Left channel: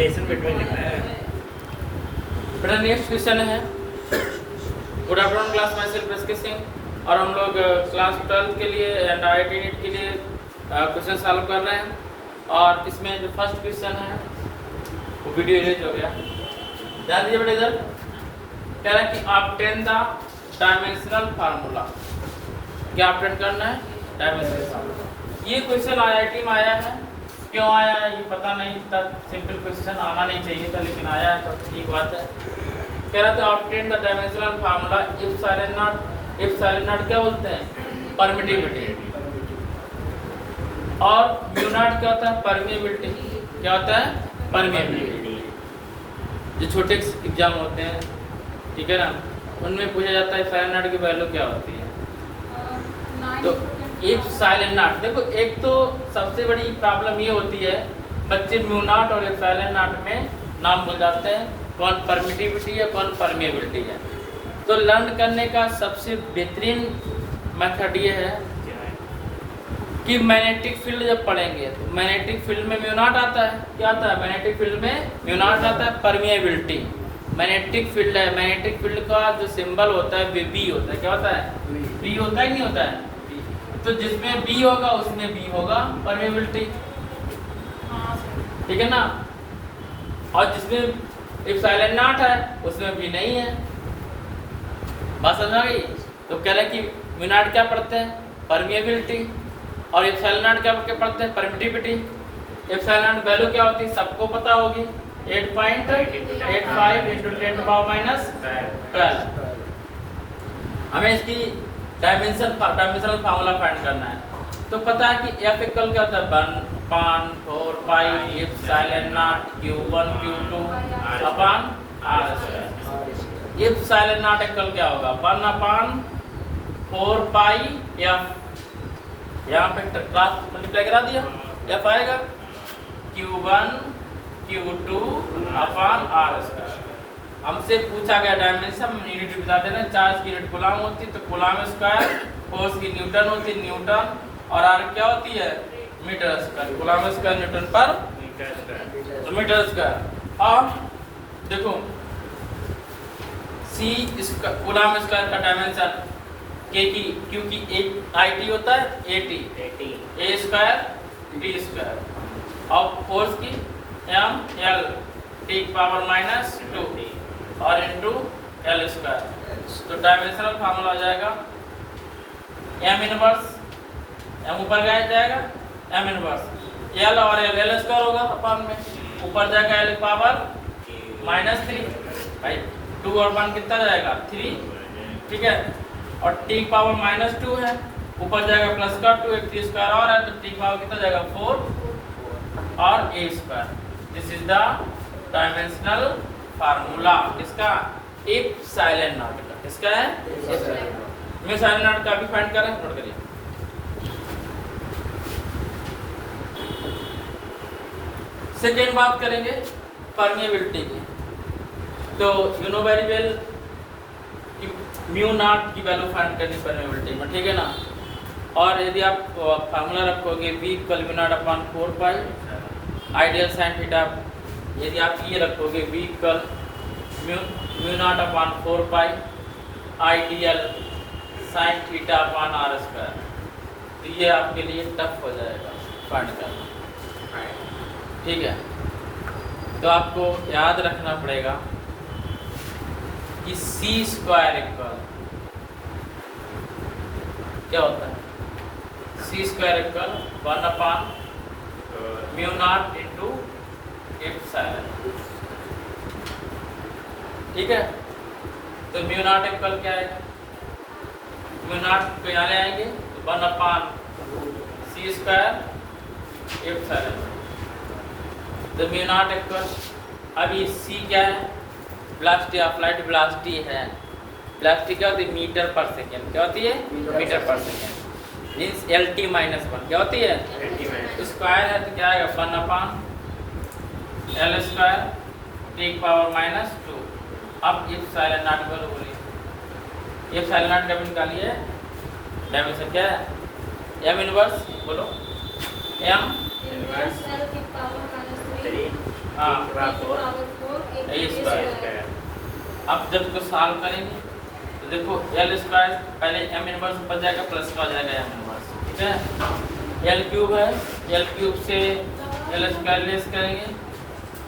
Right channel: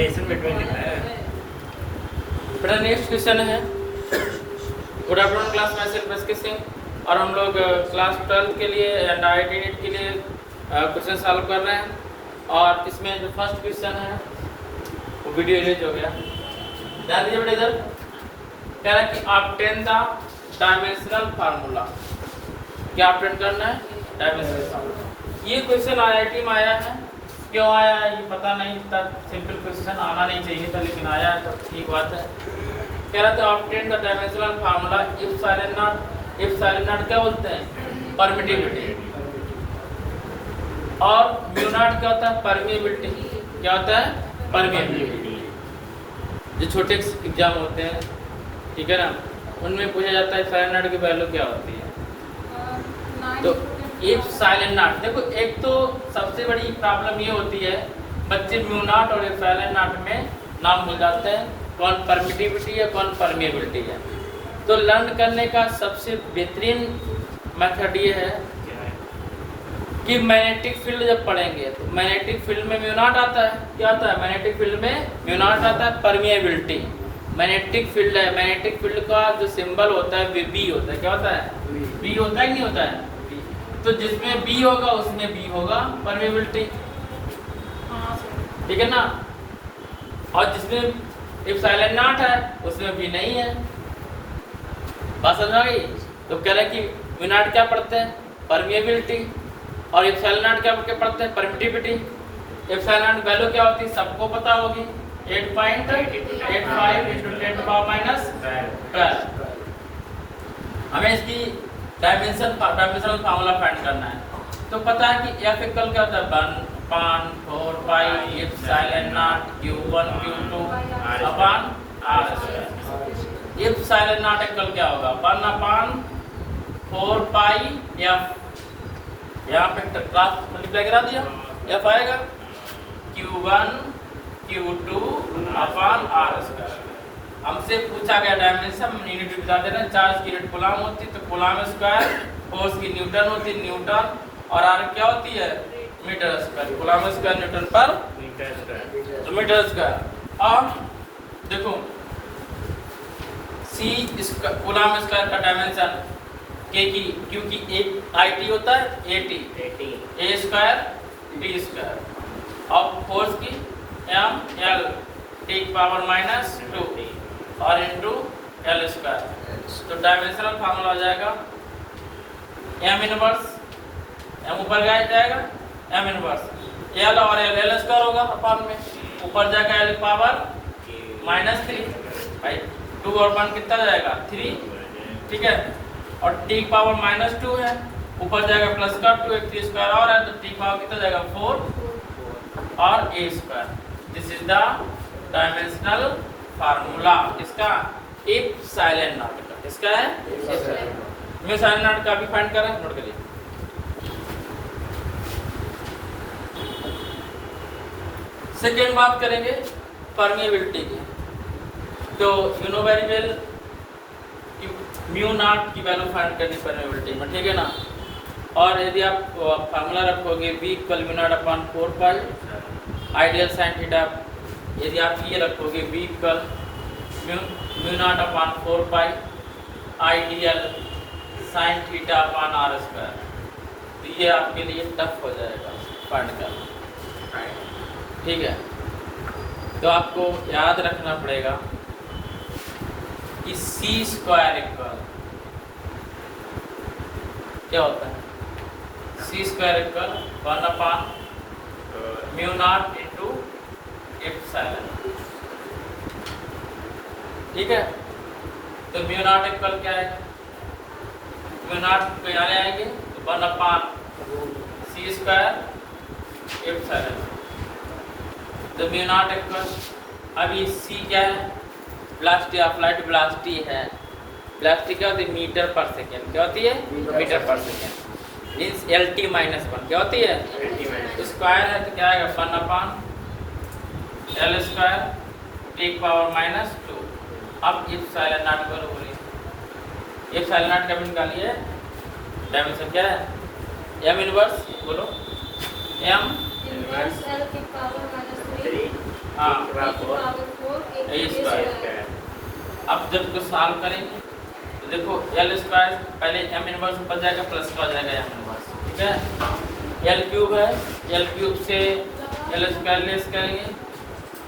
Lesson between लिखा है। मेरा नेक्स्ट क्वेश्चन है गुड आफ्टरनून क्लास में सिर्फ सिंह और हम लोग क्लास 12 के लिए एंड IIT नीट के लिए क्वेश्चन सॉल्व कर रहे हैं। और इसमें जो फर्स्ट क्वेश्चन है वो वीडियो रिलीज हो गया, ध्यान दीजिए बेटा। इधर कह रहा है कि ऑब्टेन द डायमेंशनल फार्मूला, क्या ऑब्टेन करना है? Dimensional formula. ये क्वेश्चन IIT में आया है, क्यों आया है ये पता नहीं, इतना सिंपल क्वेश्चन आना नहीं चाहिए था लेकिन आया है, तो ठीक बात है। कह रहा था obtain the dimensional formula if silent not. If silent not क्या बोलते हैं? परमिटिविटी। और म्यू नॉट क्या होता है? परमिएबिलिटी। क्या होता है? परमिएबिलिटी। जो छोटे एग्जाम होते हैं, ठीक है ना, उनमें पूछा जाता है साइलेंट नॉट की वैल्यू क्या होती है। तो इफ साइलेंट नॉट, देखो एक तो सबसे बड़ी प्रॉब्लम ये होती है बच्चे म्यू नॉट और इफ साइलेंट नॉट में नाम भूल जाते हैं, कौन परमिटिविटी है कौन परमिएबिलिटी है। तो लर्न करने का सबसे बेहतरीन मेथड ये है कि मैग्नेटिक फील्ड जब पढ़ेंगे तो मैग्नेटिक फील्ड में म्यू नॉट आता है। क्या आता है? मैग्नेटिक फील्ड में म्यू नॉट आता है परमिएबिलिटी। मैग्नेटिक फील्ड है, मैग्नेटिक फील्ड का जो सिंबल होता है वो बी होता है। क्या होता है? बी होता है कि नहीं होता है? तो जिसमें बी होगा उसमें बी होगा परमिएबिलिटी, ठीक है ना। और जिसमें इफ साइलेंट नॉट है उसमें बी नहीं है। बात समझ आ गई? तो कह रहे हैं कि म्यू नॉट क्या पढ़ते हैं? परमिएबिलिटी। और इफ साइलेंट नॉट क्या पढ़ते हैं? Permittivity. If silent not value क्या होती है सबको पता होगी, 8.85 into 10 to power minus 12। हमें इसकी डायमेंशनल फार्मूला फाइंड करना है। तो पता है कि F इक्वल क्या होता है? 1/4 pi epsilon naught Q1 Q2 upon R²। Epsilon naught equal क्या होगा? 1/4 पाई F, यहाँ पे क्लास मल्टीप्लाई करा दिया, F आएगा Q1 Q2 अपॉन R²। हमसे पूछा गया डायमेंशन, यूनिट बता देना। चार्ज की यूनिट कूलम होती है तो कूलम स्क्वायर, फोर्स की न्यूटन होती है न्यूटन, और आर क्या होती है? Metre square. Coulomb square newton पर मीटर स्क्वायर। और देखो सी स्क्वायर कूलम स्क्वायर का डायमेंशन के की, क्योंकि एक IT होता है AT, A square B square, और फोर्स की ML T पावर -2 और इंटू L स्क्वायर। तो डायमेंशनल फार्मूला आ जाएगा M इनवर्स, M ऊपर जाएगा M इनवर्स L और L स्क्वायर होगा अपॉन में, ऊपर जाएगा L पावर -3 भाई 2 और 1 कितना जाएगा? 3, ठीक है। और T पावर -2 है, ऊपर जाएगा प्लस का 2, एक 3 स्क्वायर और है तो T पावर कितना जाएगा? 4 और A square. This is the dimensional formula इसका इफ साइलेंट नॉट। इसका है मैं साइलेंट नॉट का भी फाइंड करें, नोट करिए। सेकेंड बात करेंगे परमिएबिलिटी की। तो you know very well mu naught की वैल्यू फाइंड करनी परमिएबिलिटी में, ठीक है ना। और यदि आप फार्मूला रखोगे V equal mu naught upon 4 pi ideal sine theta, यदि आप ये रखोगे V equal mu naught upon 4 pi ideal sine theta upon R², तो ये आपके लिए टफ हो जाएगा फाइंड करना, ठीक है। तो आपको याद रखना पड़ेगा कि C स्क्वायर इक्वल क्या होता है? C स्क्वायर इक्वल 1/म्यू नॉट इंटू एप्सिलॉन, ठीक है। तो म्यू नॉट इक्वल क्या है? म्यू नॉट पे आने आएंगे 1/c स्क्वायर एप्सिलॉन। तो म्यू नॉट इक्वल, अभी C क्या है? वेलोसिटी ऑफ लाइट, वेलोसिटी है। वेलोसिटी क्या होती है? मीटर पर सेकेंड। क्या होती है? मीटर पर सेकेंड। मीन्स LT -1 क्या होती है? स्क्वायर है तो क्या आएगा? 1/L square T power -2। अब इफ साइलेंट नॉट पर हो रही, इफ साइलेंट नॉट का भी निकालिए। डायमेंशन क्या है? M इनवर्स, बोलो M इनवर्स L की पावर -3 हाँ ए स्क्वायर। अब जब तो सॉल्व करेंगे तो देखो एल स्क्वायर पहले एम इनवर्स ऊपर जाएगा प्लस का जाएगा एम इनवर्स, ठीक है। एल क्यूब है, एल क्यूब से एल स्क्वायर लेस करेंगे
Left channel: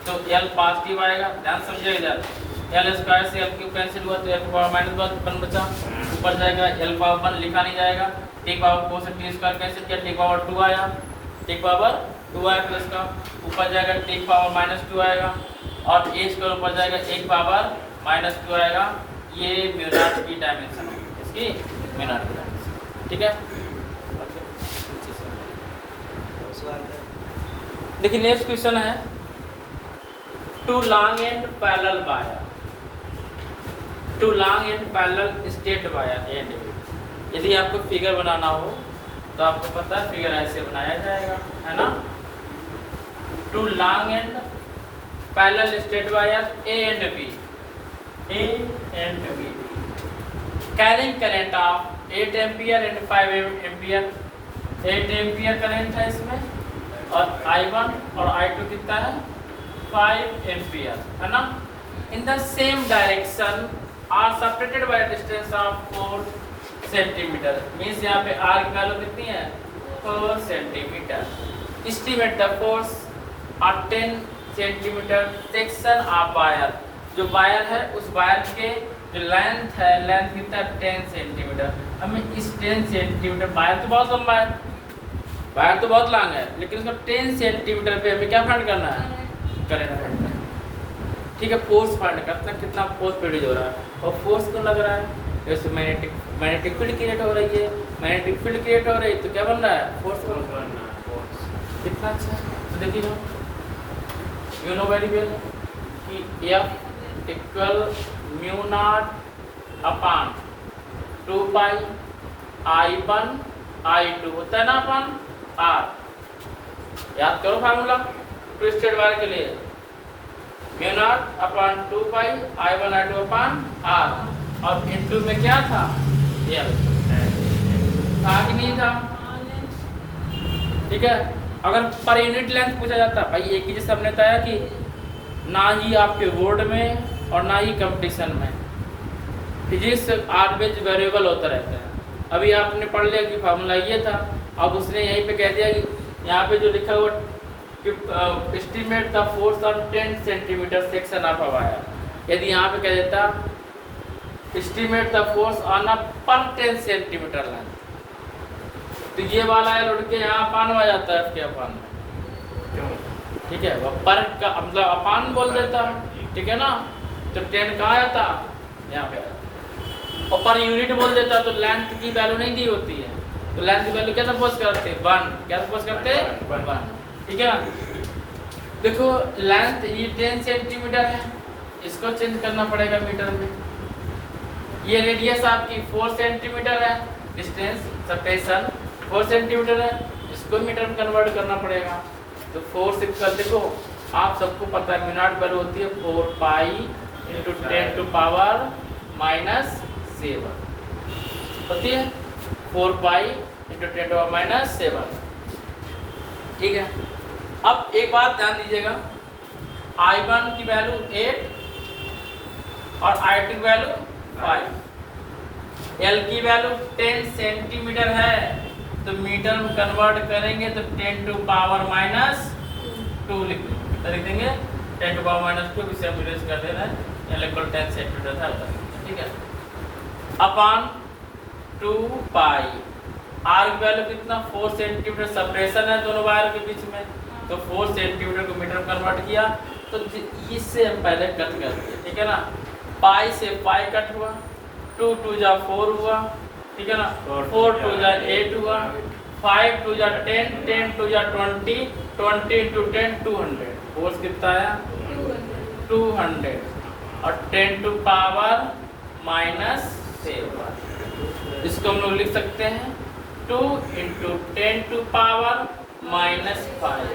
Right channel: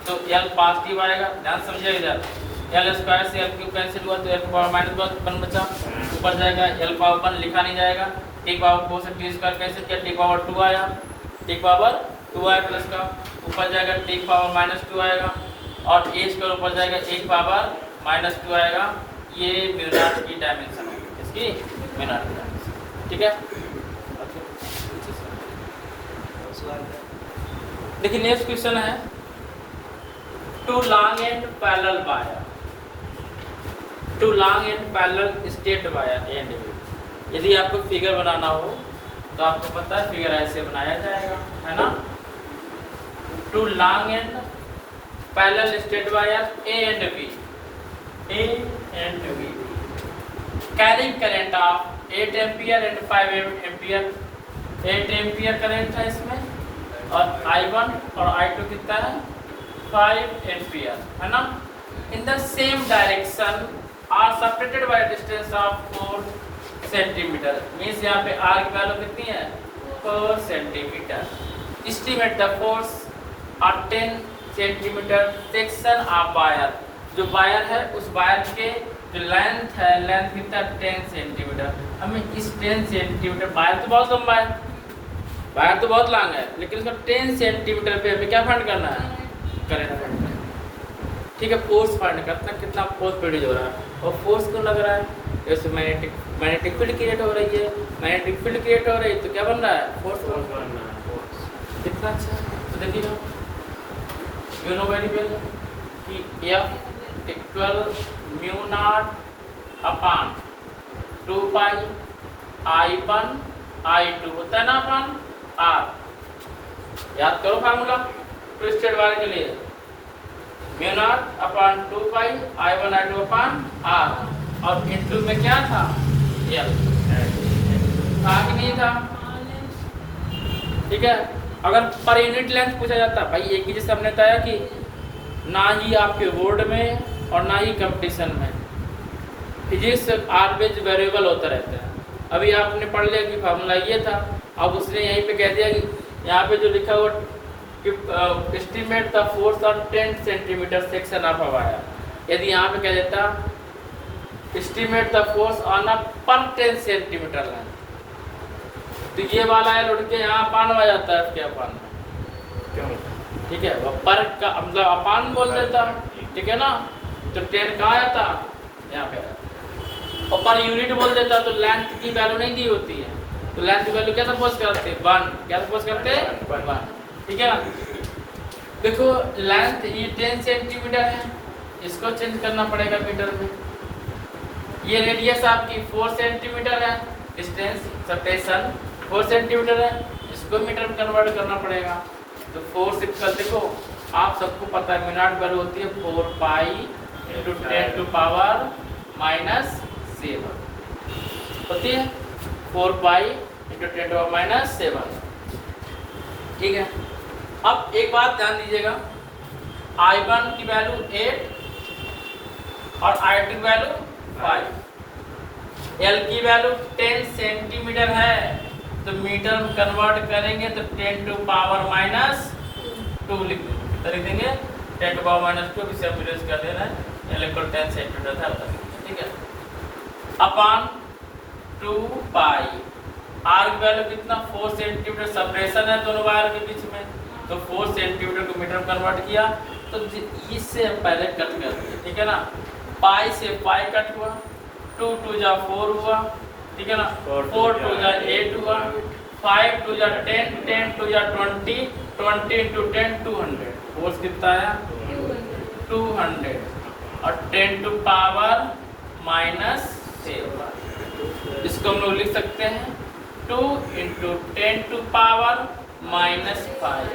तो एल पॉजिटिव आएगा, ध्यान समझिएगा। एल स्क्वायर से एल क्यूब कैंसिल हुआ तो एल पावर माइनस वन बचा, ऊपर जाएगा एल पावर वन लिखा नहीं जाएगा, टी पावर 4 से टी स्क्वायर कैंसिल किया, टी पावर 2 आया, टी पावर 2 आया प्लस का, ऊपर जाएगा टी पावर माइनस 2 आएगा और ए स्क्वायर ऊपर जाएगा ए पावर माइनस 2 आएगा। ये म्यू नॉट की डायमेंशन है, इसकी म्यू नॉट की डायमेंशन, ठीक है। देखिए नेक्स्ट क्वेश्चन है two long and parallel wire, two long and parallel straight wire and, यदि आपको फिगर बनाना हो तो आपको पता है फिगर ऐसे बनाया जाएगा, है ना। Two long and parallel straight wire A and B, A and B carrying current of 8 ampere and 5 ampere, 8 ampere current है इसमें और I1 और I2 कितना है 5 एम्पियर, है ना। In the same direction are separated by distance of 4 centimetre, means यहाँ पे R की वैल्यू कितनी है 4 centimetre. Estimate the force of 10 centimetre section of wire, जो वायर है उस वायर के जो लेंथ है, लेंथ कितना 10 सेंटीमीटर। हमें इस 10 सेंटीमीटर, वायर तो बहुत लंबा है, वायर तो बहुत लॉन्ग है, लेकिन उसका 10 सेंटीमीटर पे हमें क्या फाइंड करना है, करंट फाइंड करना है, ठीक है। फोर्स फाइंड करना, कितना फोर्स प्रोड्यूस हो रहा है और फोर्स क्यों लग रहा है, जैसे मैग्नेटिक फील्ड क्रिएट हो रही है, मैग्नेटिक फील्ड क्रिएट हो रही है तो क्या बन रहा है फोर्स बन रहा है। कितना अच्छा देखिए, यू नो वेरी वेल कि F equal mu naught upon 2 पाई I1 I2 होता है ना अपन R, याद करो फार्मूला ट्विस्टेड वायर के लिए, म्यू नॉट अपॉन 2 पाई I1 I2 अपॉन R और इनटू में क्या था L, था कि नहीं था, ठीक है। अगर पर यूनिट लेंथ पूछा जाता भाई एक ही जैसे हमने बताया कि ना ही आपके बोर्ड में और ना ही कंपटीशन में फिजिक्स ऑलवेज वेरिएबल होता रहता है। अभी आपने पढ़ लिया कि फार्मूला ये था, अब उसने यहीं पे कह दिया कि यहाँ पे जो लिखा हुआ कि estimate the force on 10 centimetre section of a wire, यदि यहाँ पे कह देता estimate the force on a पर 10 सेंटीमीटर लाइन, तो ये वाला है लुढ़ के यहाँ अपान आ जाता है, इसके अपान, ठीक है। वह पर का मतलब अपान बोल देता, ठीक है ना, तो 10 कहाँ आता यहाँ पे, और पर यूनिट बोल देता तो लेंथ की वैल्यू नहीं दी होती है, तो लेंथ की वैल्यू क्या सपोज करते हैं 1, क्या सपोज करते हैं 1, ठीक है। देखो लेंथ ये 10 सेंटीमीटर है, इसको चेंज करना पड़ेगा मीटर में। ये रेडियस आपकी 4 सेंटीमीटर है, डिस्टेंस सटेशन 4 सेंटीमीटर है, इसको मीटर में कन्वर्ट करना पड़ेगा। तो 4 से कर देखो, आप सबको पता है मिनट वैल्यू होती है 4 pi into 10 to power minus 7 होती है, 4 pi into 10 to power minus 7, ठीक है। अब एक बात ध्यान दीजिएगा, I1 की वैल्यू 8 और I2 की वैल्यू 5, L की वैल्यू 10 सेंटीमीटर है, तो मीटर में कन्वर्ट करेंगे तो 10 टू पावर माइनस 2 लिख देंगे, 10 टू पावर माइनस 2 इसे हम यूज कर दे रहे हैं, L इक्वल 10 सेंटीमीटर था, ठीक है। अपॉन 2 पाई, R की वैल्यू कितना 4 सेंटीमीटर, सेपरेशन है दोनों वायर के बीच में, तो 4 सेंटीमीटर को मीटर में कन्वर्ट किया, तो इससे हम पहले कट कर दिए, ठीक है ना। पाई से पाई कट हुआ, 2 2 जा 4 हुआ, ठीक है ना, 4 2 जा 8 हुआ, 5 2 जा 10, 10 2 जा 20, 20 into 10 200, फोर्स कितना आया 200 और 10 टू पावर माइनस 7, इसको हम लोग लिख सकते हैं 2 into 10 टू पावर माइनस 5।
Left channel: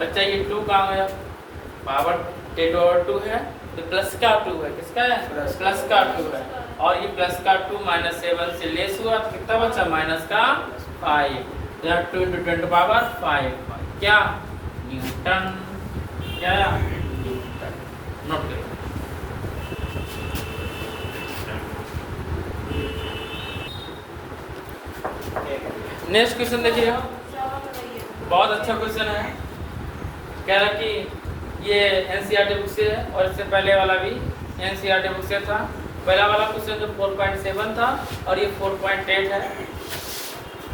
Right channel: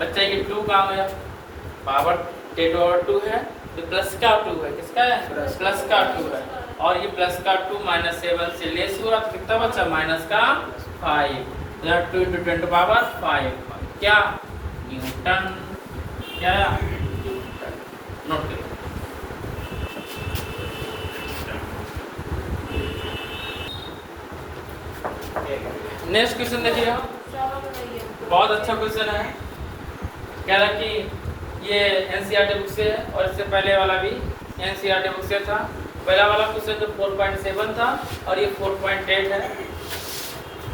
बच्चा ये 2 कहाँ गया, पावर 10 over 2 है, तो प्लस का 2 है, किसका है प्लस का 2 है, और ये प्लस का 2 माइनस 7 से लेस हुआ तो कितना बचा माइनस का 5, 2 into 10 टू पावर 5, क्या न्यूटन, क्या नोट करिए। नेक्स्ट क्वेश्चन देखिए, बहुत अच्छा क्वेश्चन है। कह रहा है कि ये एनसीईआरटी बुक से है और इससे पहले वाला भी एनसीईआरटी बुक से था। पहला वाला क्वेश्चन जो 4.7 था और ये 4.8 है।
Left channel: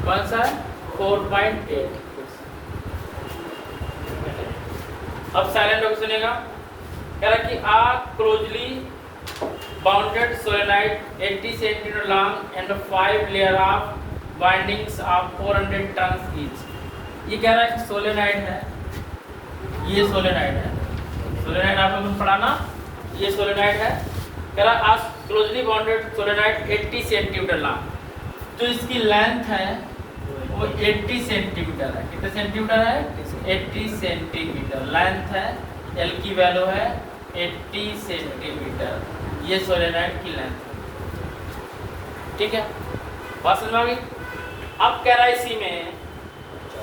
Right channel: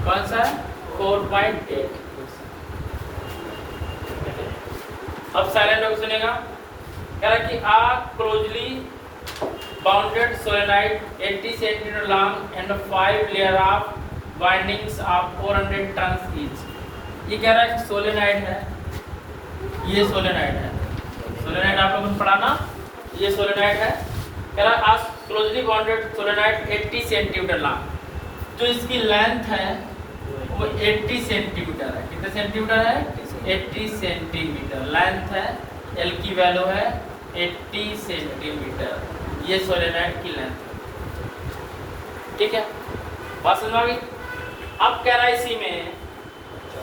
कौन सा है? 4.8। अब साइलेंट होकर सुनेगा। कह रहा है कि a closely bounded solenoid 80 centimetre long and 5 layer of bindings of 400 turns each. ये कह रहा है कि सोलेनाइड है, ये सोलेनाइड है। सोलेनाइड आपको कुछ पढ़ा ना, ये सोलेनाइड है। कह रहा है आज closely bounded solenoid 80 centimetre long, तो इसकी लेंथ है वो 80 सेंटीमीटर है। कितने सेंटीमीटर है? 80 सेंटीमीटर लेंथ है। एल की वैल्यू है 80 सेंटीमीटर। ये सोलेनाइड की लेंथ है। ठीक है, बात समझ आ गई? अब कह रहा है इसी में,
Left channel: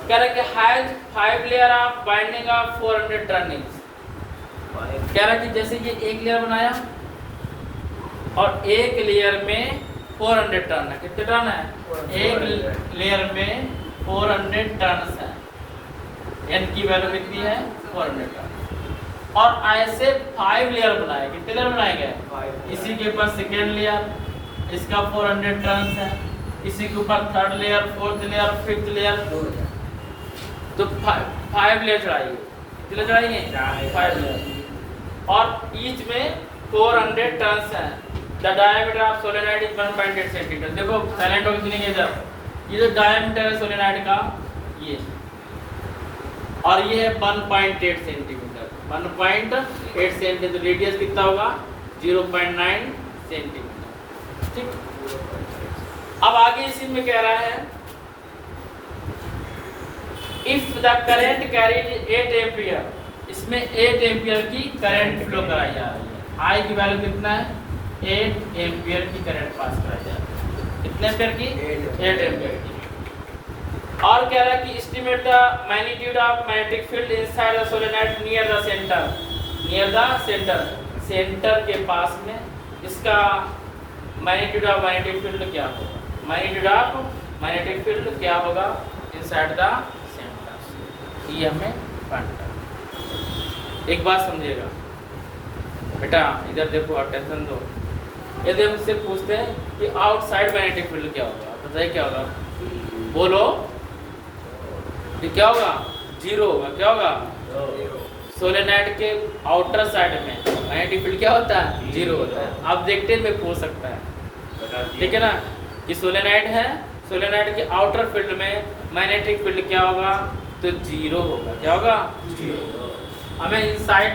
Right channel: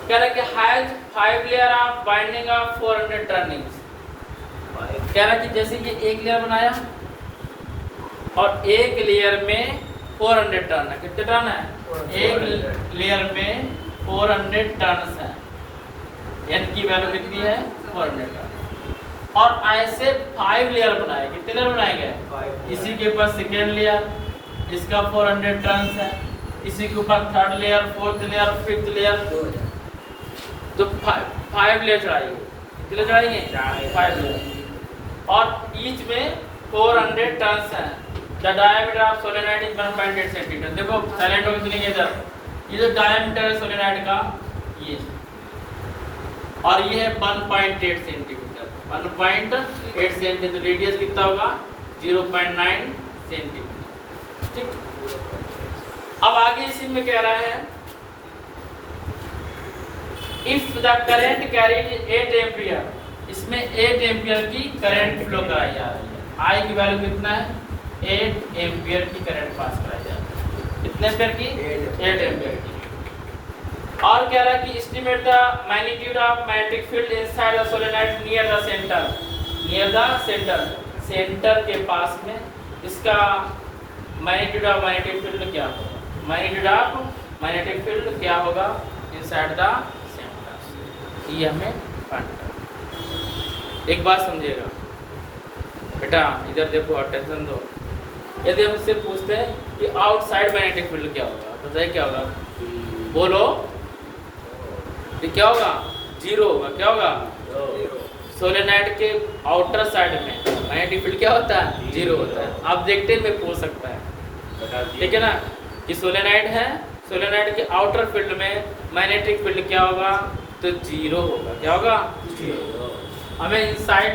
कह रहा है कि has 5 layer of binding of 400 turnings. कह रहा है कि जैसे कि एक लेयर बनाया और एक लेयर में 400 टर्न है। कितने टर्न है? एक लेयर में 400 टर्न्स है। एन की वैल्यू कितनी है? 400 टर्न। और ऐसे 5 लेयर बनाए। कितने लेयर बनाए गए? इसी के ऊपर सेकेंड लेयर, इसका 400 टर्न्स है। इसी के ऊपर third layer, fourth layer, fifth layer, तो 5 लेयर चढ़ाइए। कितने चढ़ाइए? 5 लेयर। और ईच में 400 टर्न्स है। The diameter of solenoid is 1.8 centimetre. देखो साइलेंट होकर सुनेंगे इधर। ये जो डायमीटर है सोलेनाइड का, ये और ये है 1.8 सेंटीमीटर। 1.8 सेंटीमीटर। रेडियस कितना होगा? 0.9 सेंटीमीटर। ठीक। अब आगे इसी में कह रहा है if the current carried 8 ampere, इसमें 8 एम्पियर की करंट फ्लो कराई जा रही है। आई की वैल्यू कितना है? 8 एम्पियर की करंट पास कराई जा रही है। कितने एम्पियर की? 8 एम्पियर की। और कह रहा है कि estimate the magnitude of magnetic field inside the solenoid near the centre. Near the centre, centre के पास में इसका मैग्नीट्यूड ऑफ मैग्नेटिक फील्ड क्या होगा? मैग्नीट्यूड ऑफ मैग्नेटिक फील्ड क्या होगा इनसाइड द सेंटर? ये हमें पढ़ना है। एक बात समझिएगा बेटा, इधर देखो, अटेंशन दो। यदि हम इससे पूछते हैं कि आउटसाइड मैग्नेटिक फील्ड क्या होगा, तो बताइए क्या होगा? बोलो। क्या होगा? 0 होगा। क्या होगा? सोलेनॉइड के आउटर साइड में मैग्नेटिक फील्ड क्या होता है? 0 होता है। आप देखते में पूछ सकता है, ठीक है ना, कि सोलेनॉइड है, सोलेनॉइड के आउटर फील्ड में मैग्नेटिक फील्ड क्या होगा? तो 0 होगा। क्या होगा? 0। हमें इनसाइड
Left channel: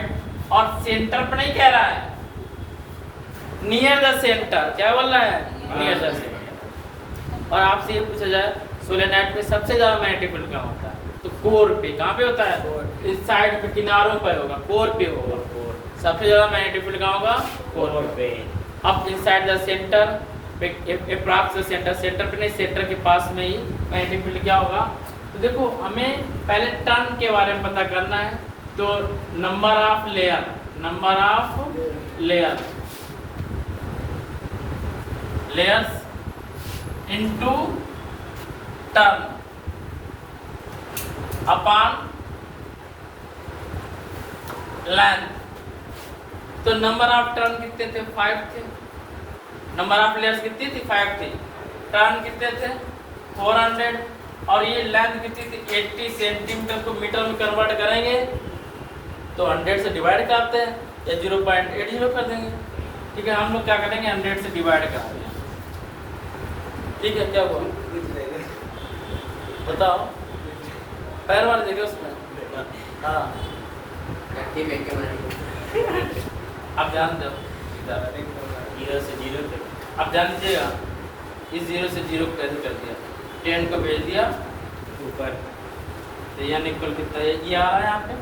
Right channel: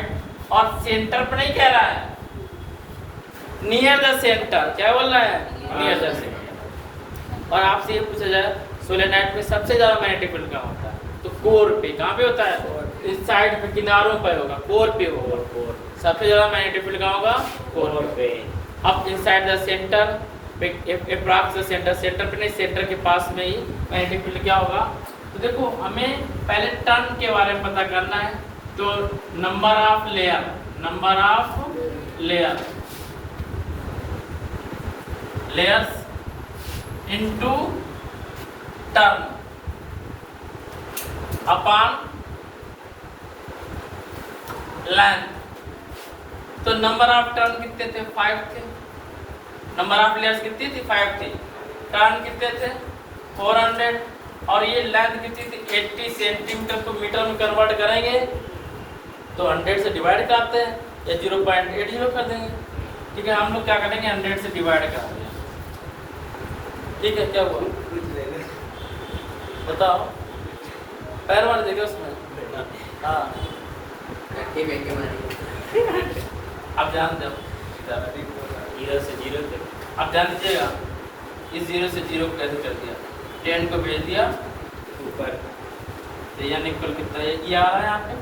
और सेंटर पर नहीं कह रहा है, नियर द सेंटर। क्या बोल रहा है? Near the centre. और आपसे ये पूछा जाए सोलेनॉइड में सबसे ज्यादा मैग्नेटिक फील्ड कहाँ होता है? तो कोर पे। कहाँ पे होता है? इस साइड पे, किनारों पर होगा, कोर पे होगा। सबसे ज्यादा मैग्नेटिक फील्ड कहाँ होगा? कोर पे। अब इनसाइड द सेंटर पे, अप्रॉक्स सेंटर, सेंटर पे नहीं, सेंटर के पास में ही मैग्नेटिक फील्ड क्या होगा? तो देखो हमें पहले टर्न के बारे में पता करना है। तो number of layer, number of layer, layers into turn upon length. तो नंबर ऑफ टर्न कितने थे? 5 थे। नंबर ऑफ लेयर्स कितनी थी? 5 थी। टर्न कितने थे? 400। और ये लेंथ कितनी थी? 80 सेंटीमीटर को मीटर में कन्वर्ट करेंगे तो 100 से डिवाइड करते हैं या 0.80 कर देंगे। ठीक है, हम लोग क्या करेंगे? 100 से डिवाइड कर देंगे। ठीक है, क्या बोल बताओ? पैर मार देंगे उसमें। हाँ, आप जानते हो 0 से 0 आप जान लीजिएगा। इस 0 से 0 कैसे कर दिया? 10 को भेज दिया ऊपर, यानी इक्वल कितना है? ये आ रहा है यहाँ पे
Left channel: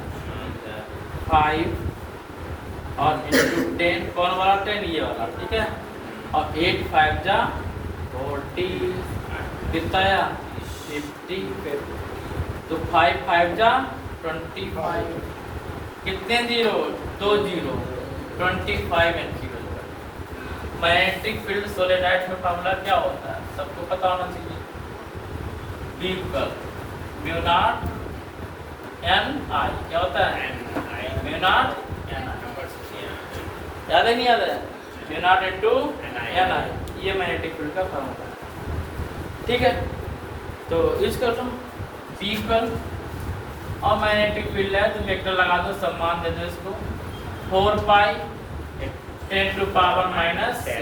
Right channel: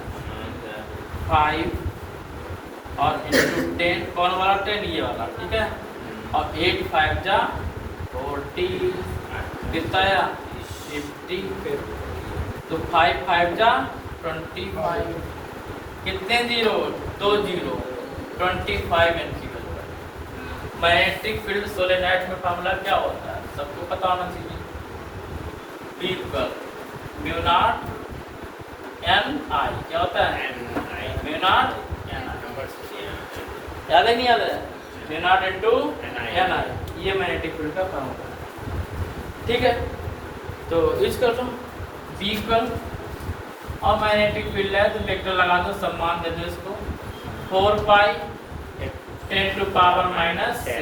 5 और इंटू 10। कौन वाला? 10, ये वाला। ठीक है, और 8 5 जा 40, कितना आया? 50। तो 5 5 जा 25। कितने 0? 2 0। 25 एनसी। मैग्नेटिक फील्ड सोलेनोइड में फॉर्मूला क्या होता है, सबको पता होना चाहिए। B equal mu naught N I, क्या होता है म्यू नॉट एन आई, याद है नहीं याद है, म्यू नॉट इनटू एन आई, ये मैग्नेटिक फील्ड का फॉर्मूला। ठीक है, तो इसका तुम बी इक्वल और मैग्नेटिक फील्ड है तो वेक्टर लगा दो, सम्मान दे दो इसको 4 पाई 10 टू पावर माइनस 7,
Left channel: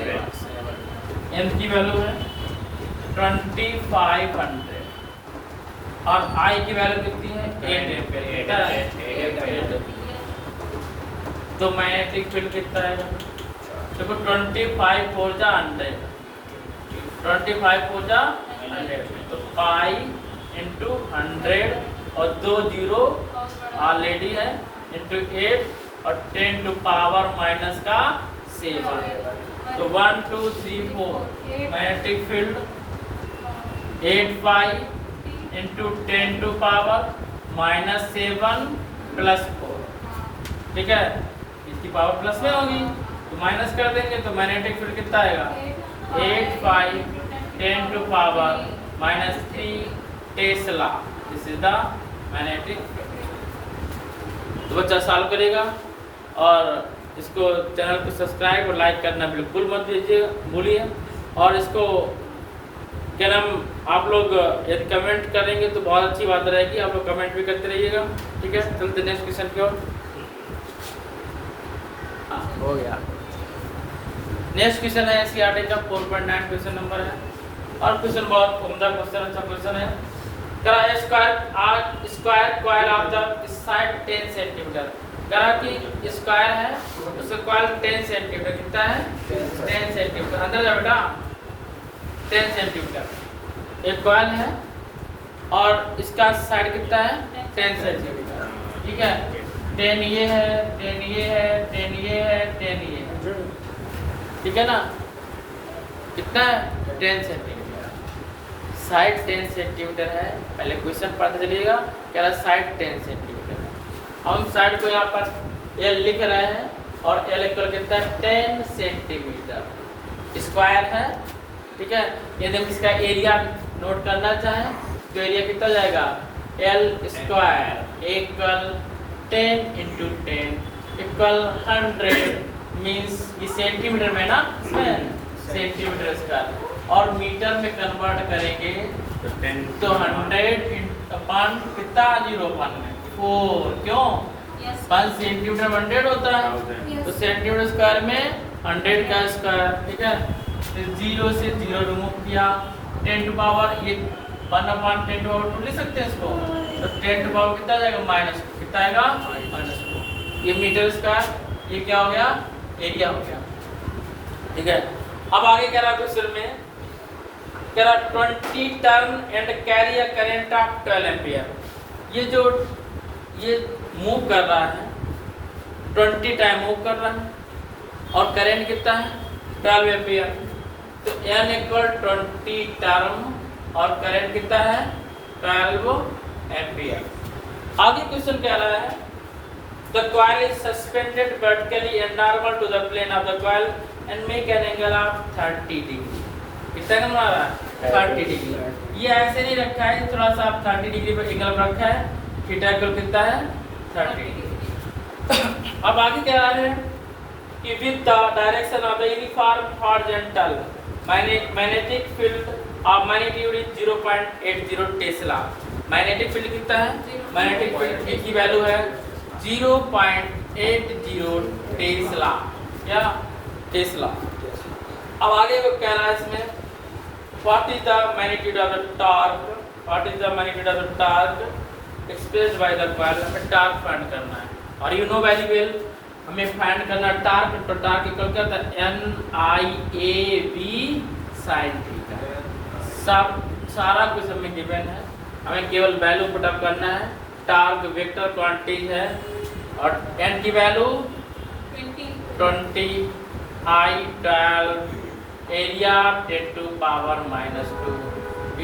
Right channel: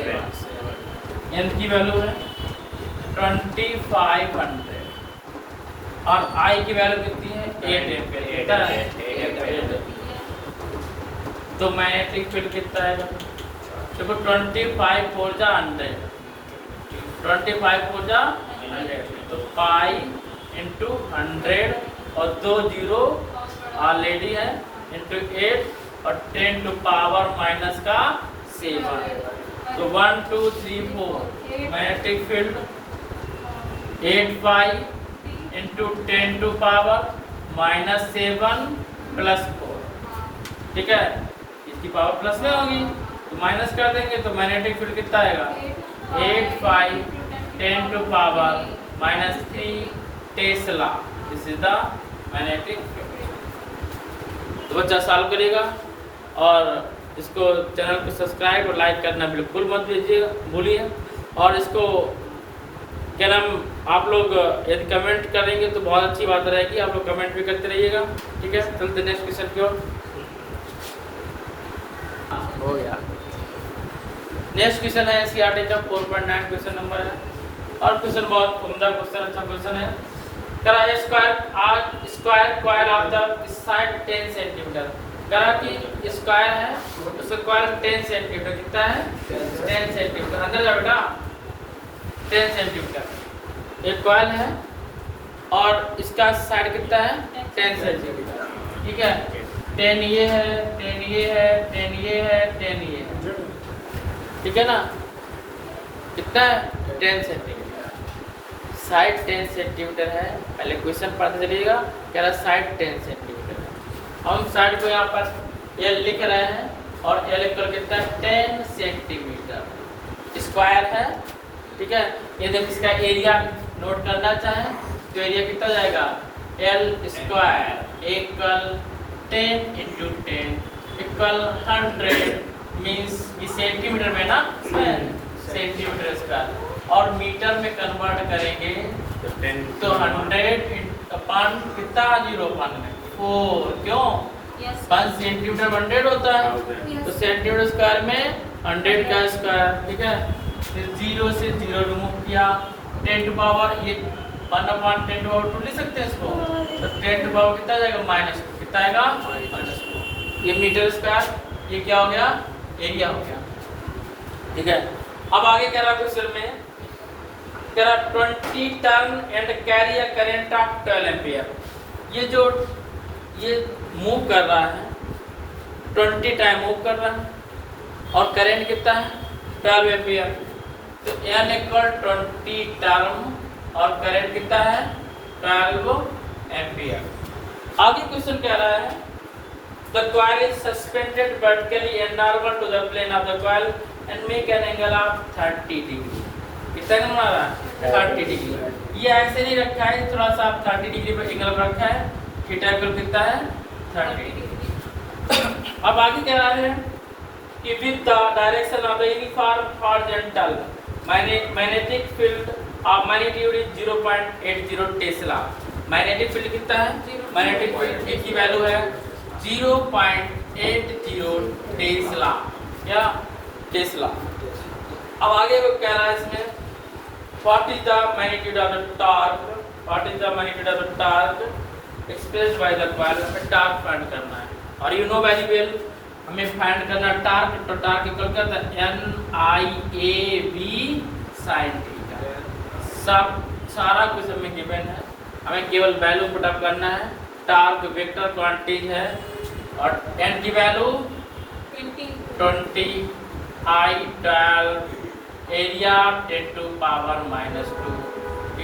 एन की वैल्यू है 2500 और आई की वैल्यू कितनी है 8 तो मैग्नेटिक फील्ड कितना आएगा, देखो 25 4 जा 100, 25 4 जा 100 तो पाई इंटू 100 और 2 जीरो ऑलरेडी है इंटू 8 और 10 टू पावर माइनस का 7, तो 1 2 3 4 magnetic field 8 pi into 10 to power minus 7 plus 4, ठीक है, इसकी पावर प्लस में होगी तो माइनस कर देंगे तो मैग्नेटिक फील्ड कितना आएगा 8 pi 10 to power minus 3 tesla, this is the magnetic field. तो बच्चा सॉल्व करेगा और इसको चैनल को सब्सक्राइब और लाइक करना बिल्कुल मत भूलिए और इसको क्या नाम आप लोग यदि कमेंट करेंगे तो बहुत अच्छी बात रहेगी, आप लोग कमेंट भी करते रहिएगा। ठीक है, चलते नेक्स्ट क्वेश्चन की ओर। हो गया, नेक्स्ट क्वेश्चन है एनसीईआरटी का 4.9 क्वेश्चन नंबर है और क्वेश्चन बहुत उम्दा क्वेश्चन, अच्छा क्वेश्चन है। करा square coil of the side 10 centimetre, करा कि स्क्वायर है उसका कॉइल 10 सेंटीमीटर कितना है 10 सेंटीमीटर, अंदर जाओ बेटा 10 सेंटीमीटर एक कॉइल है और इसका साइड कितना है 10 सेंटीमीटर, ठीक है, 10 ये है 10 ये है 10 ये है 10 ये है, ठीक है ना, कितना है 10 सेंटीमीटर, साइड 10 सेंटीमीटर है। पहले क्वेश्चन पढ़ते चलिएगा, कह रहा साइड 10 सेंटीमीटर है, हम साइड को यहाँ पर एल लिख रहे हैं और एल इक्वल कितना है 10 सेंटीमीटर स्क्वायर है, ठीक है। यदि इसका एरिया नोट करना चाहें तो एरिया कितना जाएगा L square equal 10 into 10 equal 100 means centimetre में ना सेंटीमीटर स्क्वायर और मीटर में कन्वर्ट करेंगे तो 100 अपॉन कितना 0.4, क्यों 1 सेंटीमीटर 100 होता है तो सेंटीमीटर स्क्वायर में 100 का स्क्वायर, ठीक है, फिर 0 से 0 रिमूव किया 10 टू पावर ये 1/10 टू पावर 2 लिख सकते हैं इसको, तो 10 टू पावर कितना जाएगा माइनस, कितना आएगा -2, ये मीटर स्क्वायर, ये क्या हो गया एरिया हो गया, ठीक है। अब आगे कह रहा है क्वेश्चन में कह रहा 20 turn and carry a current of 12 ampere, ये जो ये मूव कर रहा है 20 टाइम मूव कर रहा है और करंट कितना है 12 एम्पीयर, तो N इक्वल 20 टर्म और करंट कितना है 12 एम्पीयर। आगे क्वेश्चन कह रहा है the coil is suspended vertically and normal to the plane of the coil and make an angle of 30 degree, कितना एंगल बना रहा है 30 डिग्री, ये ऐसे नहीं रखा है, थोड़ा सा 30 डिग्री पर एंगल रखा है, थीटा इक्वल कितना है 30 डिग्री। अब आगे कह रहा है कि with the direction of the uniform horizontal magnetic field of magnitude is 0.80 Tesla, magnetic field कितना है मैग्नेटिक फील्ड की वैल्यू है 0.80 टेस्ला या टेस्ला। अब आगे वो कह रहा है इसमें what is the magnitude of the torque, what is the magnitude of the torque expressed by the coil, torque find करना है और यू नो वेरी वेल हमें फाइंड करना टॉर्क, तो टॉर्क इक्वल क्या होता है NIAB sin थीटा, सब सारा कुछ हमें गिवन है, हमें केवल वैल्यू पुट अप करना है, टॉर्क वेक्टर क्वांटिटी है और n की value 20 I 12 area 10 to power -2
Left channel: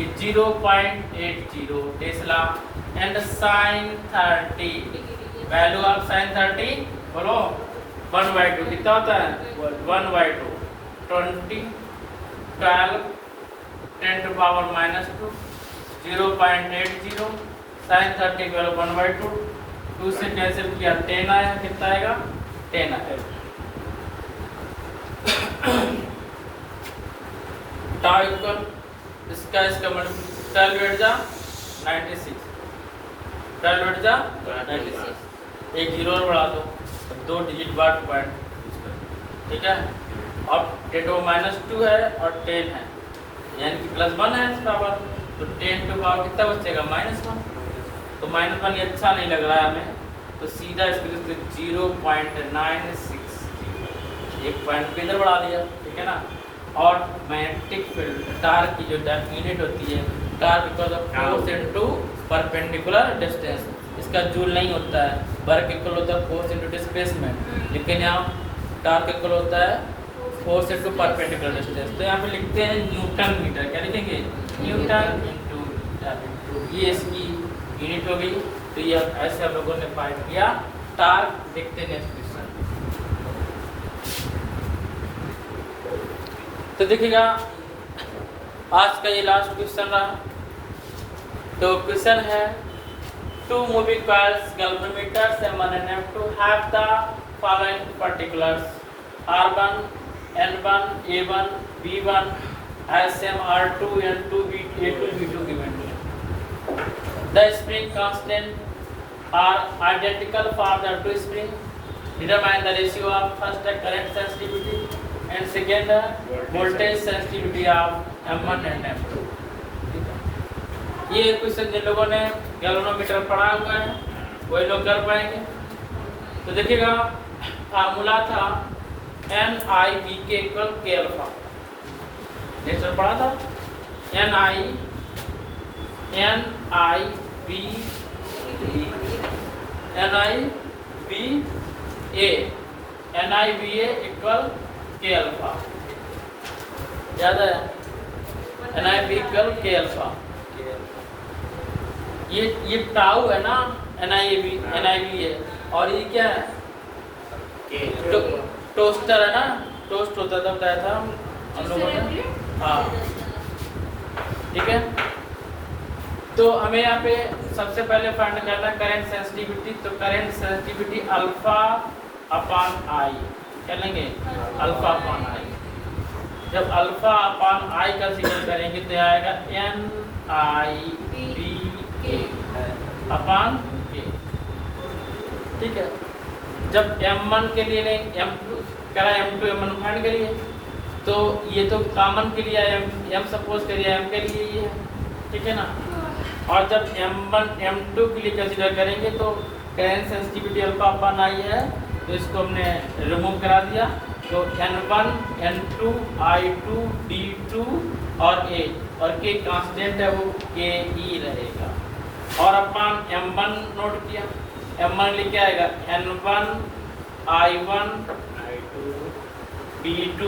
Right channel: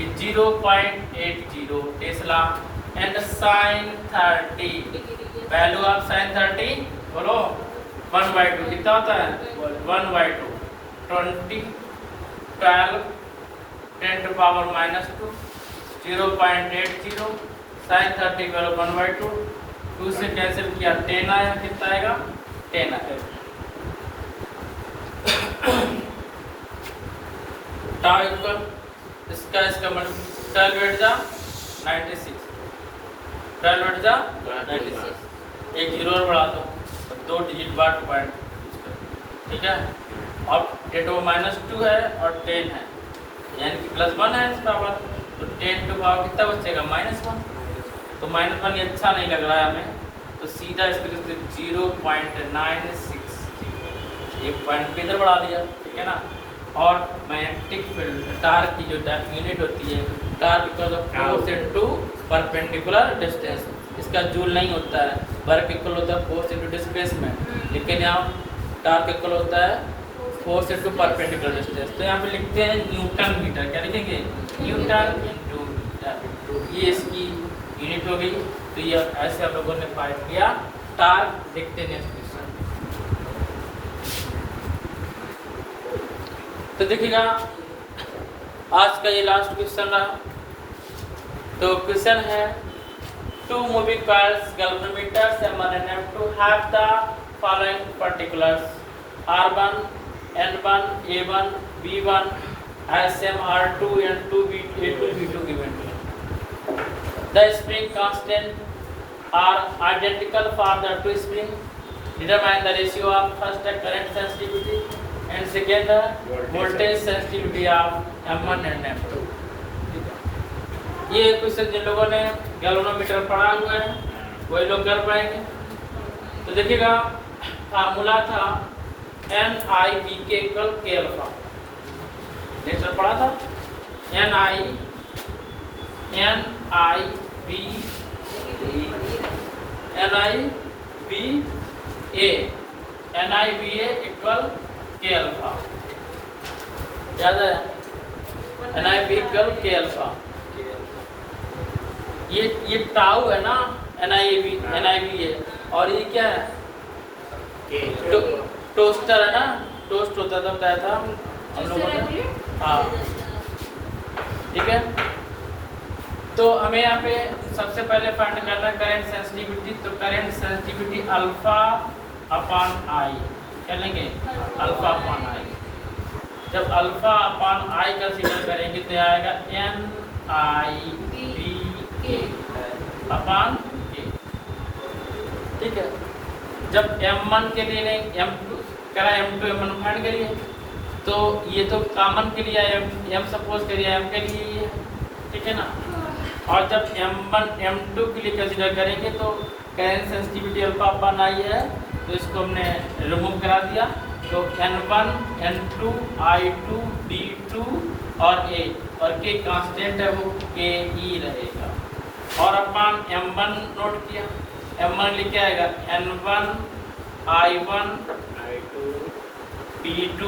is 0.80 tesla and sin 30 value of sin 30 बोलो 1/2 कितना होता है 1/2 20 12 10 to power -2 0.80 sin 30 की वैल्यू 1/2 2 से कैंसिल किया 10 आया कितना आएगा 10 आएगा टाउ इक्वल इसका 12 बैठ जा 96 12 बैठ जा 96 एक जीरो और बढ़ा दो तो 2 डिजिट बाद पॉइंट ठीक है अब डेटो -2 है और 10 है यानी कि +1 है इस पावर तो 10 टू पावर कितना बचेगा -1 तो -1 ये अच्छा नहीं लग रहा है हमें तो सीधा इसके लिए 0.96 ये पॉइंट पे इधर बढ़ा दिया ठीक है ना और मैग्नेटिक फील्ड तार की जो यूनिट होती है तार because of force into perpendicular distance इसका जूल नहीं होता है वर्क इक्वल होता है फोर्स इनटू डिस्प्लेसमेंट लेकिन यहाँ तार इक्वल होता है फोर्स इनटू परपेंडिकुलर डिस्टेंस तो यहाँ पे लिखते हैं न्यूटन मीटर क्या लिखेंगे न्यूटन इनटू ये इसकी यूनिट हो गई तो ये ऐसे हम लोगों ने फाइंड किया तार देखते हैं तो देखिएगा आज का ये लास्ट क्वेश्चन रहा तो क्वेश्चन है two moving coils galvanometers M1 and M2 have the following particulars R1 N1 A1 B1 SM R2 N2 B2 A2 B2 given the spring constant are identical for the two spring determine the ratio of first current sensitivity and second voltage sensitivity of M1 and M2 ये question जिन लोगों ने galvanometer पढ़ा हुआ है वही लोग कर पाएंगे तो देखिएगा फार्मूला था NIV के इक्वल K अल्फा ये पढ़ा था NIV NIVA equal K alpha ज्यादा है NIV इक्वल K अल्फा ये टाउ है ना NIVA और ये क्या है टोस्टर है ना टोस्ट होता था क्या था हम लोगों ने हाँ ठीक है तो हमें यहाँ पे सबसे पहले फाइंड करना है करंट सेंसिटिविटी तो current sensitivity alpha upon I क्या लेंगे अल्फा अपॉन आई जब अल्फा अपॉन आई का सिग्नल करेंगे तो आएगा NIV अपॉन K ठीक है जब M1 के लिए नहीं M2 कह रहा है M2 M1 फाइंड करिए तो ये तो कॉमन के लिए है M सपोज करिए M के लिए ये ठीक है ना और जब M1 M2 के लिए कंसीडर करेंगे तो current sensitivity alpha upon I है तो इसको हमने रिमूव करा दिया तो N1 N2 I2 B2 और A और K कांस्टेंट है वो KE रहेगा और अपन M1 नोट किया M1 लिख के आएगा N1 I1 B2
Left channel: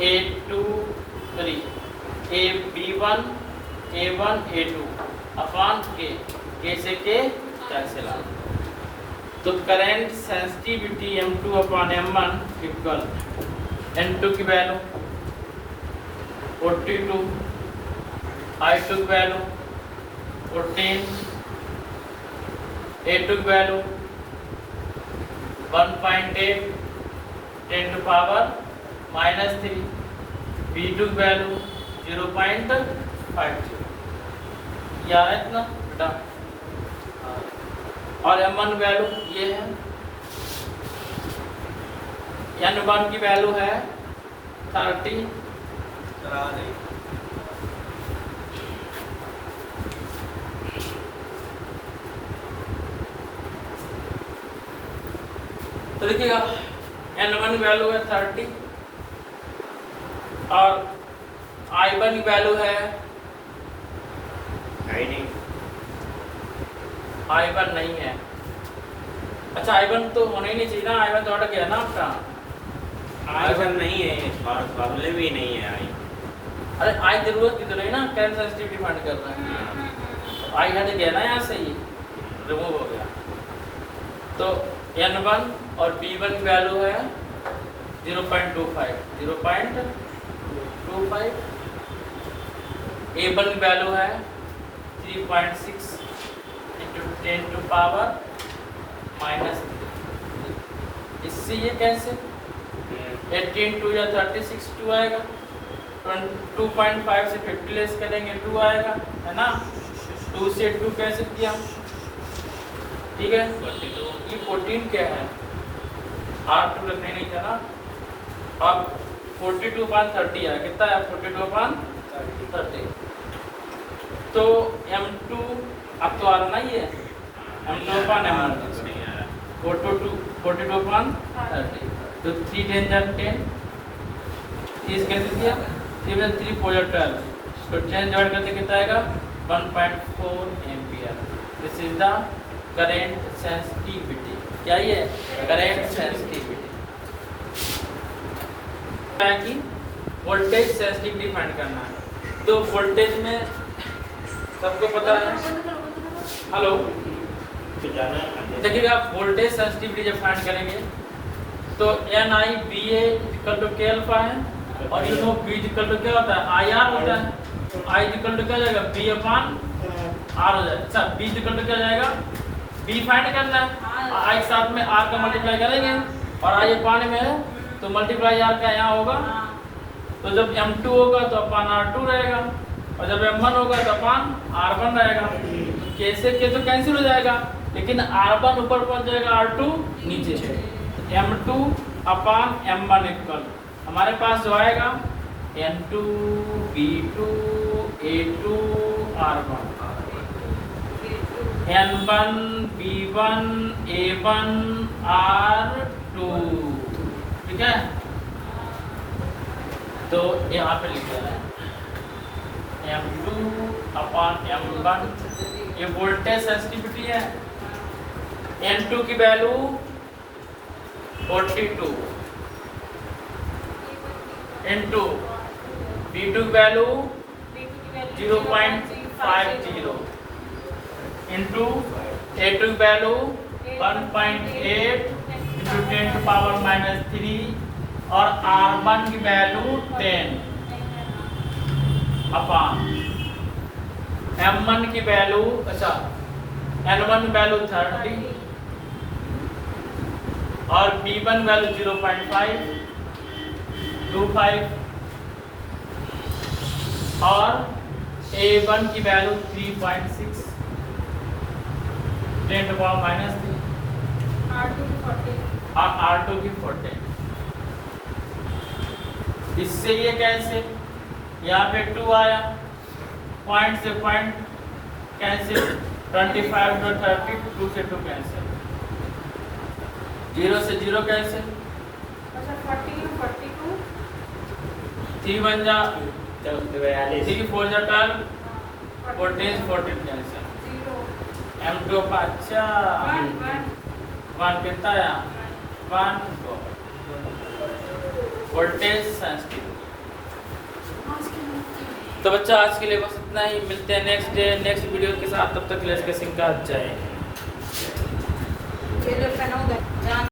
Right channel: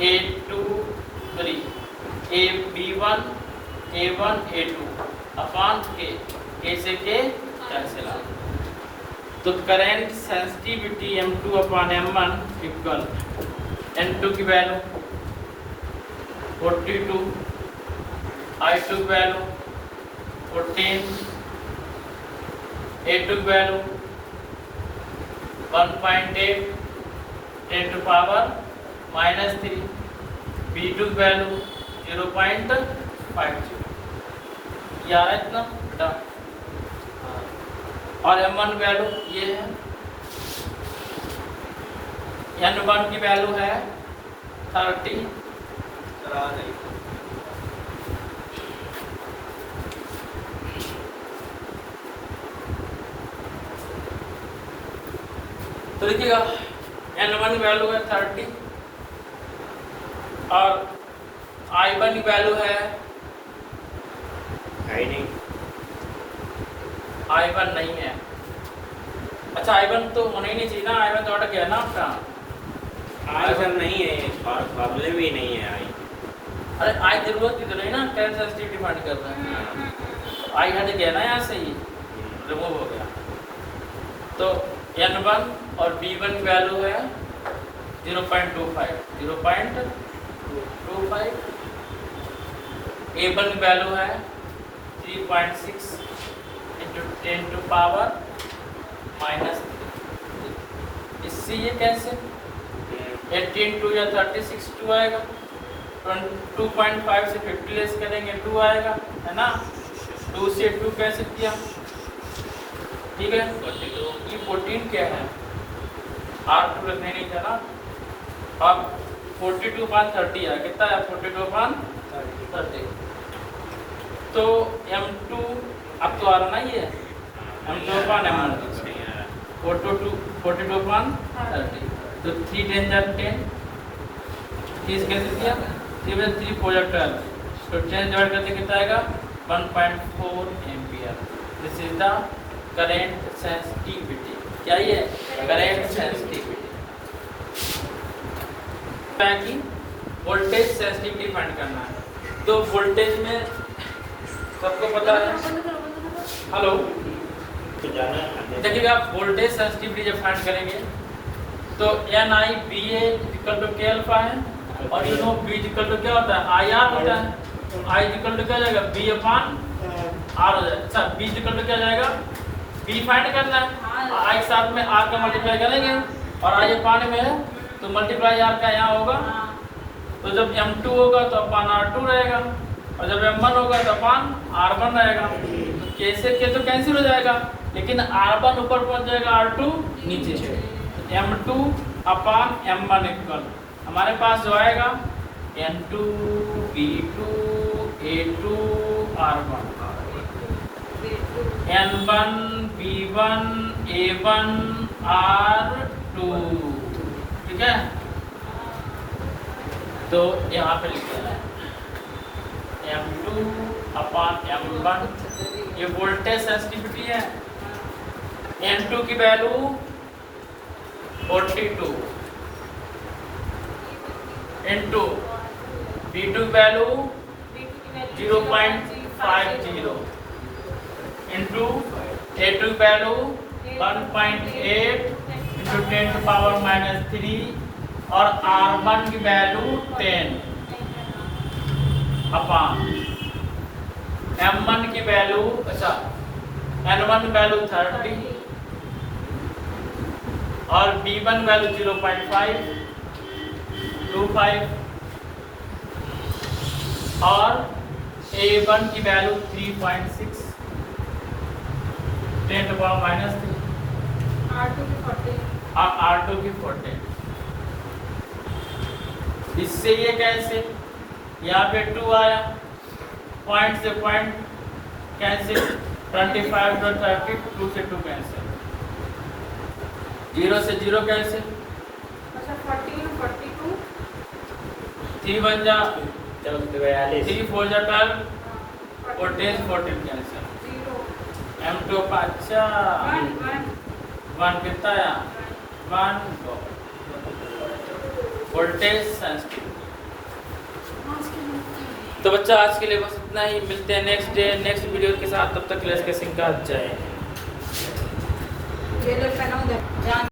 A2 B1 A1 A2 upon K से K कैंसिल आ तो current sensitivity M2 upon M1 equal N2 की वैल्यू 42 I2 की वैल्यू 14 A2 की वैल्यू 1.8 10 to power -3 B2 की वैल्यू 0.52 याद है इतना डन और M1 वैल्यू ये है N1 की वैल्यू है 30 तो देखिएगा N1 की वैल्यू है 30 और I1 की वैल्यू है I1 नहीं है अच्छा I1 तो होना ही नहीं चाहिए ना I1 तो हट गया ना आपका I1 नहीं है प्रॉब्लम ही नहीं है अरे आई जरूरत की तो नहीं ना करंट सेंसिटिविटी फाइंड कर रहे हैं आई हट गया ना यहाँ से ही रिमूव हो गया तो N1 और B1 वैल्यू है 0.25 A1 वैल्यू है 3.6 into 10 to power minus 3। इससे ये कैसे 18 2 या 36 2 आएगा, 2.5 से 50 लेस करेंगे 2 आएगा, है ना। 2 से 2 कैसे किया, ठीक है। ये 14 क्या है, R2 रखने नहीं था ना। अब 42/30 है, कितना है 42/30। तो M2 अब तो आ रहा ना ये M2/M1 42/30। तो 3 10 10 30 कैसे किया, 3 में 3 4 12, तो 10 डिवाइड करके कितना आएगा 1.4 ampere. This is the current sensitivity. क्या ये करंट सेंसिटिविटी है कि वोल्टेज सेंसिटिविटी फाइंड करना है। तो वोल्टेज में सबको पता है, हेलो देखिए आप वोल्टेज सेंसिटिविटी जब फाइंड करेंगे तो NI BA equal to K alpha है, और you know B equal to क्या होता है IR होता है। तो I इक्वल टू क्या जाएगा B अपॉन R हो जाएगा। अच्छा B इक्वल टू क्या जाएगा, B फाइंड करना है, I के साथ में R का मल्टीप्लाई करेंगे और I अपॉन में है तो मल्टीप्लाई R का यहाँ होगा। तो जब M2 होगा तो अपॉन R2 रहेगा, और जब M1 होगा तो अपॉन R1 रहेगा। कैसे के तो कैंसिल हो जाएगा, लेकिन R1 ऊपर पहुंच जाएगा, R2 नीचे से। M2 अपॉन M1 इक्वल हमारे पास जो आएगा N2 B2 A2 R1 N1 B1 A1 R2, ठीक है। तो यहाँ पे लिखा है M2 अपॉन M1, ये वोल्टेज सेंसिटिविटी है। N2 की value 42 into B2 value 0.50 into A2 value 1.8 into 10 to power -3 और R1 की वैल्यू 10 अपॉन M1 की वैल्यू, अच्छा N1 की वैल्यू 30 और B1 वैल्यू 0.525 और A1 की वैल्यू 3.6 10 टू पावर -3 R2 की 40। इससे ये कैसे, यहाँ पे 2 आया, पॉइंट से पॉइंट कैंसिल, 25 to 30, 2 से 2 कैंसिल, 0 से 0 कैंसिल, 3 बन जा 3 4 जा 12, 14 कैंसिल, M2 अच्छा 1 कितना आया 1 वोल्टेज सेंसिटिव। तो बच्चा आज के लिए बस इतना ही, मिलते हैं नेक्स्ट वीडियो के साथ, तब तक लेस केसिंग का जय।